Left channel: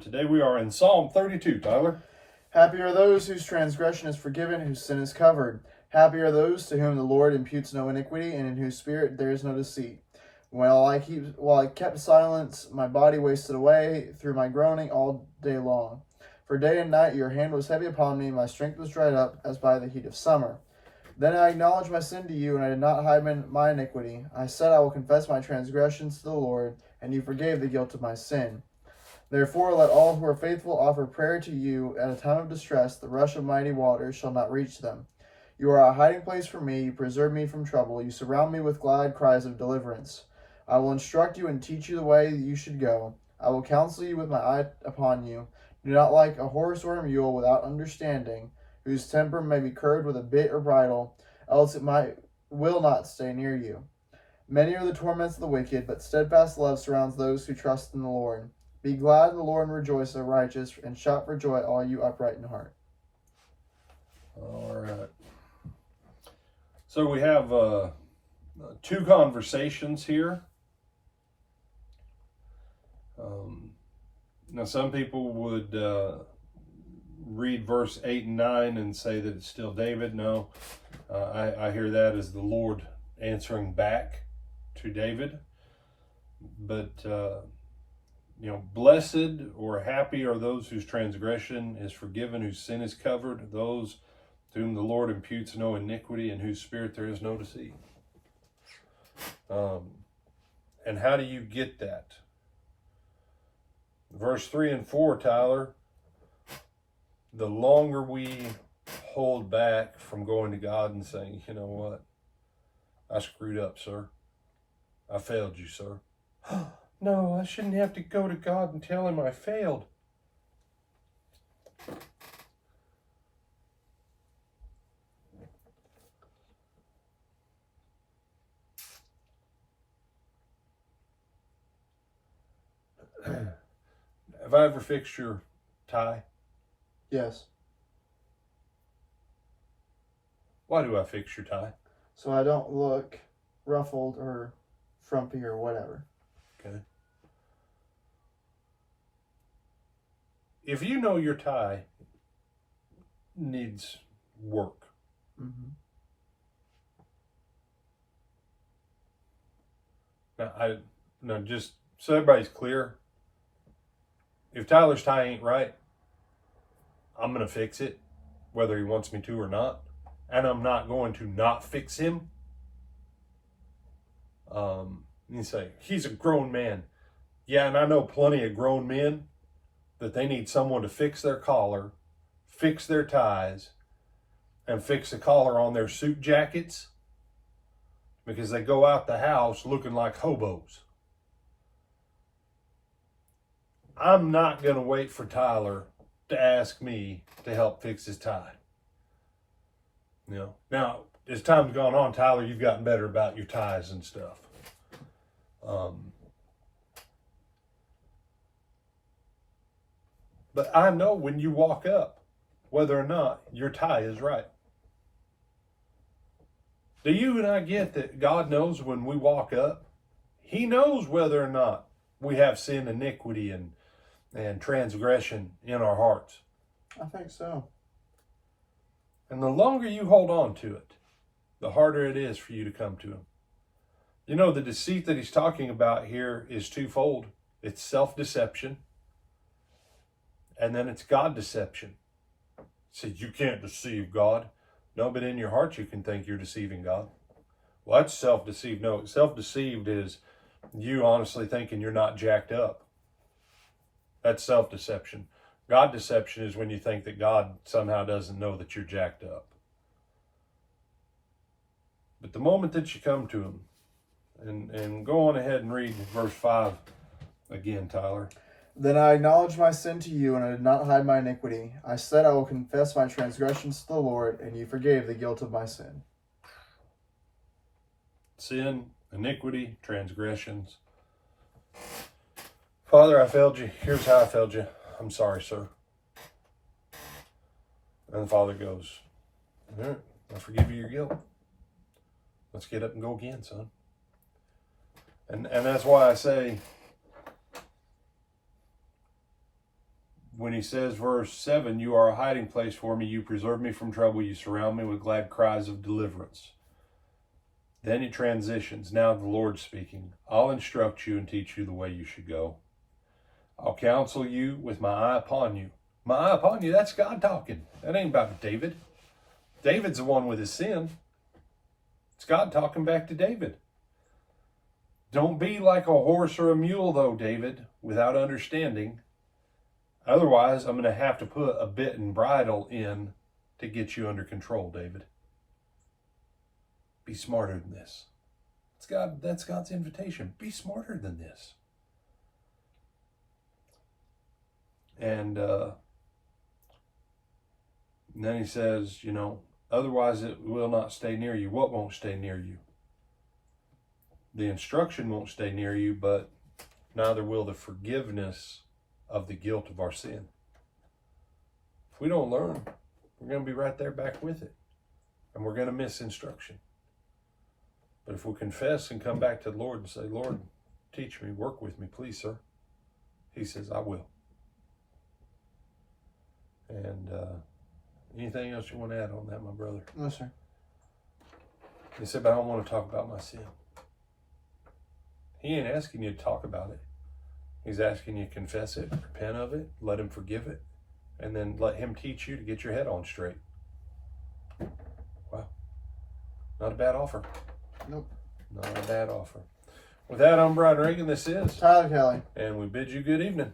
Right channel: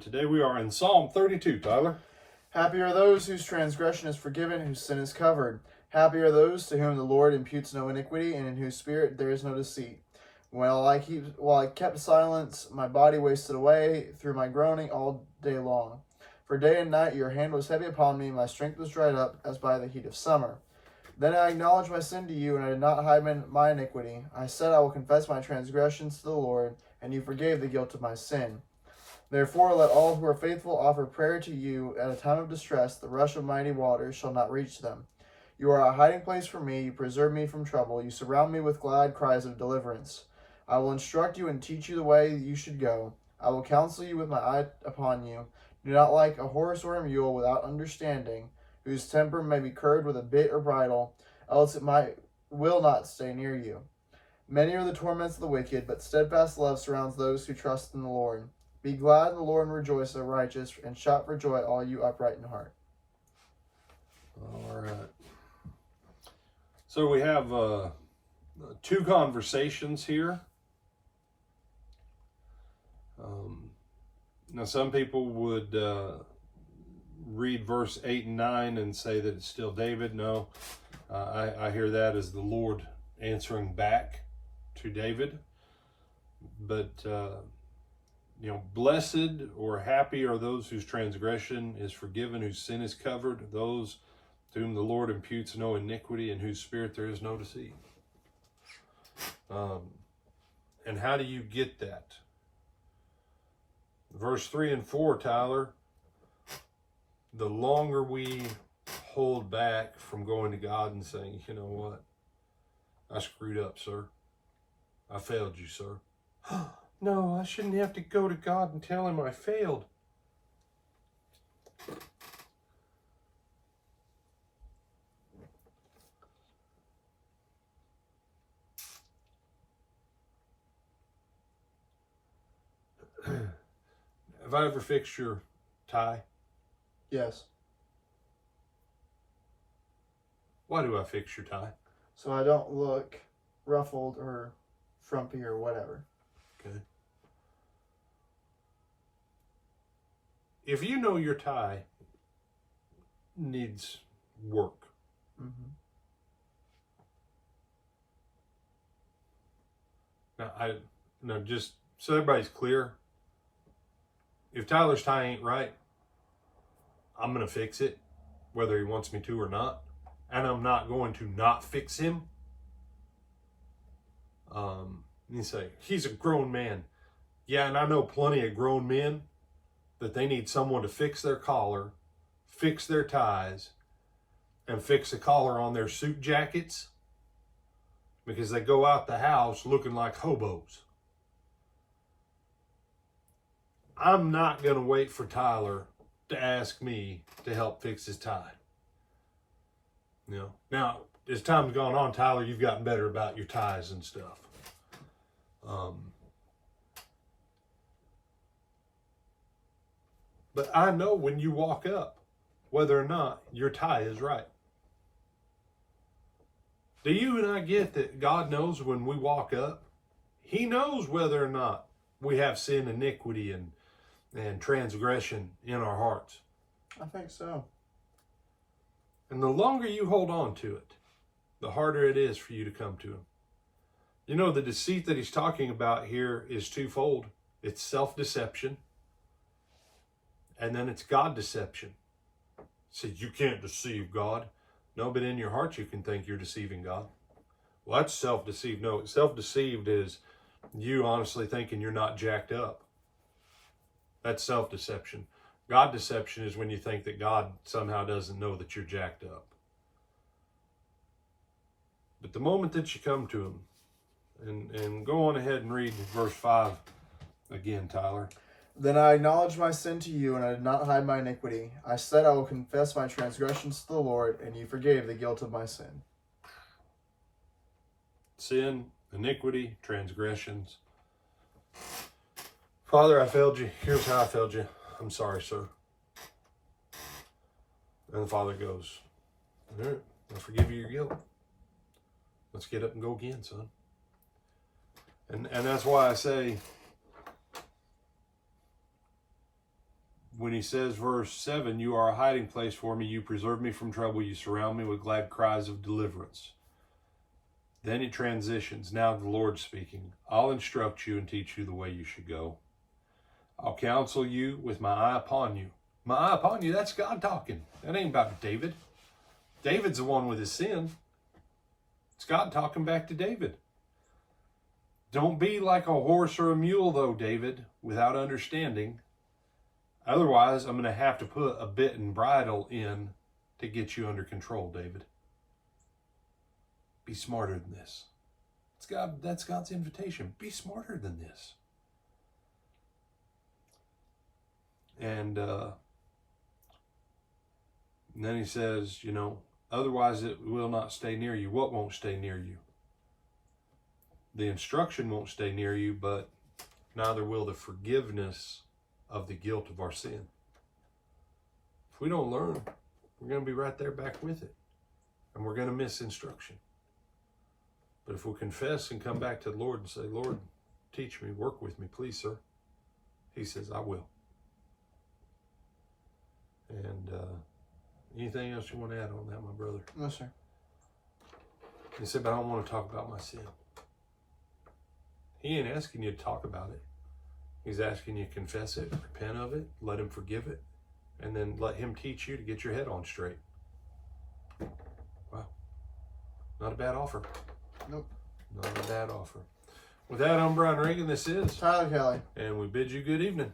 Today we are in Psalm 32, Tyler. Happy are those whose transgression is forgiven, whose sin is covered. Happy are those to whom the Lord imputes no iniquity, and in whose spirit there is no deceit. While I kept silence, my body wasted away through my groaning all day long. For day and night your hand was heavy upon me, my strength was dried up as by the heat of summer. Then I acknowledged my sin to you, and I did not hide my iniquity. I said, I will confess my transgressions to the Lord, and you forgave the guilt of my sin. Therefore, let all who are faithful offer prayer to you at a time of distress. The rush of mighty waters shall not reach them. You are a hiding place for me. You preserve me from trouble. You surround me with glad cries of deliverance. I will instruct you and teach you the way you should go. I will counsel you with my eye upon you. Do not like a horse or a mule without understanding, whose temper may be curbed with a bit or bridle, else it will not stay near you. Many are the torments of the wicked, but steadfast love surrounds those who trust in the Lord. Be glad in the Lord and rejoice, O righteous, and shout for joy, all you upright in heart. All right. So we have two conversations here. Now, some people would read verse 8 and 9 and say that it's still David. No, I hear that as the Lord answering back to David. But blessed or happy are those whose transgression is forgiven, whose sin is covered, those to whom the Lord imputes no iniquity, in whose spirit there is no deceit. And how do you get that? Verse 3 and 4, Tyler, the longer we hold back from going to God and saying, you know what, I screwed up, sir. I failed you, sir. No, I shouldn't have to go to God and tell him I failed. Have I ever fixed your tie? Yes. Why do I fix your tie? So I don't look ruffled or frumpy or whatever. Okay. If you know your tie needs work, now just so everybody's clear, if Tyler's tie ain't right, I'm going to fix it, whether he wants me to or not. And I'm not going to not fix him. You say, he's a grown man. Yeah, and I know plenty of grown men that they need someone to fix their collar, fix their ties, and fix the collar on their suit jackets because they go out the house looking like hobos. I'm not going to wait for Tyler to ask me to help fix his tie. Now, as time's gone on, Tyler, you've gotten better about your ties and stuff. But I know when you walk up, whether or not your tie is right. Do you and I get that God knows when we walk up? He knows whether or not we have sin, iniquity, and transgression in our hearts. I think so. And the longer you hold on to it, the harder it is for you to come to him. You know, the deceit that he's talking about here is twofold. It's self-deception, and then it's God deception. So you can't deceive God. No, but in your heart you can think you're deceiving God. Well, that's self-deceived. No, self-deceived is you honestly thinking you're not jacked up. That's self-deception. God deception is when you think that God somehow doesn't know that you're jacked up. But the moment that you come to him, and go on ahead and read verse 5 again, Tyler. Then I acknowledged my sin to you, and I did not hide my iniquity. I said, I will confess my transgressions to the Lord, and you forgave the guilt of my sin. Sin, iniquity, transgressions. Father, I failed you. Here's how I failed you. I'm sorry, sir. And the Father goes, all right, I forgive you your guilt. Let's get up and go again, son. And that's why I say when he says, verse 7, you are a hiding place for me. You preserve me from trouble. You surround me with glad cries of deliverance. Then he transitions. Now the Lord's speaking. I'll instruct you and teach you the way you should go. I'll counsel you with my eye upon you. My eye upon you, that's God talking. That ain't about David. David's the one with his sin. It's God talking back to David. Don't be like a horse or a mule, though, David, without understanding. Otherwise, I'm going to have to put a bit and bridle in to get you under control, David. Be smarter than this. That's God's invitation. Be smarter than this. And then he says, otherwise it will not stay near you. What won't stay near you? The instruction won't stay near you, but neither will the forgiveness of the guilt of our sin. If we don't learn, we're going to be right there back with it. And we're going to miss instruction. But if we confess and come back to the Lord and say, Lord, teach me, work with me, please, sir. He says, I will. And anything else you want to add on that, my brother? No, sir. He said, but I don't want to talk about my sin. He ain't asking you to talk about it. He's asking you to confess it, repent of it, let him forgive it, and then let him teach you to get your head on straight. Wow. Not a bad offer. Nope. Not a bad offer. With that, I'm Brian Reagan. This is Tyler Kelly. And we bid you good evening.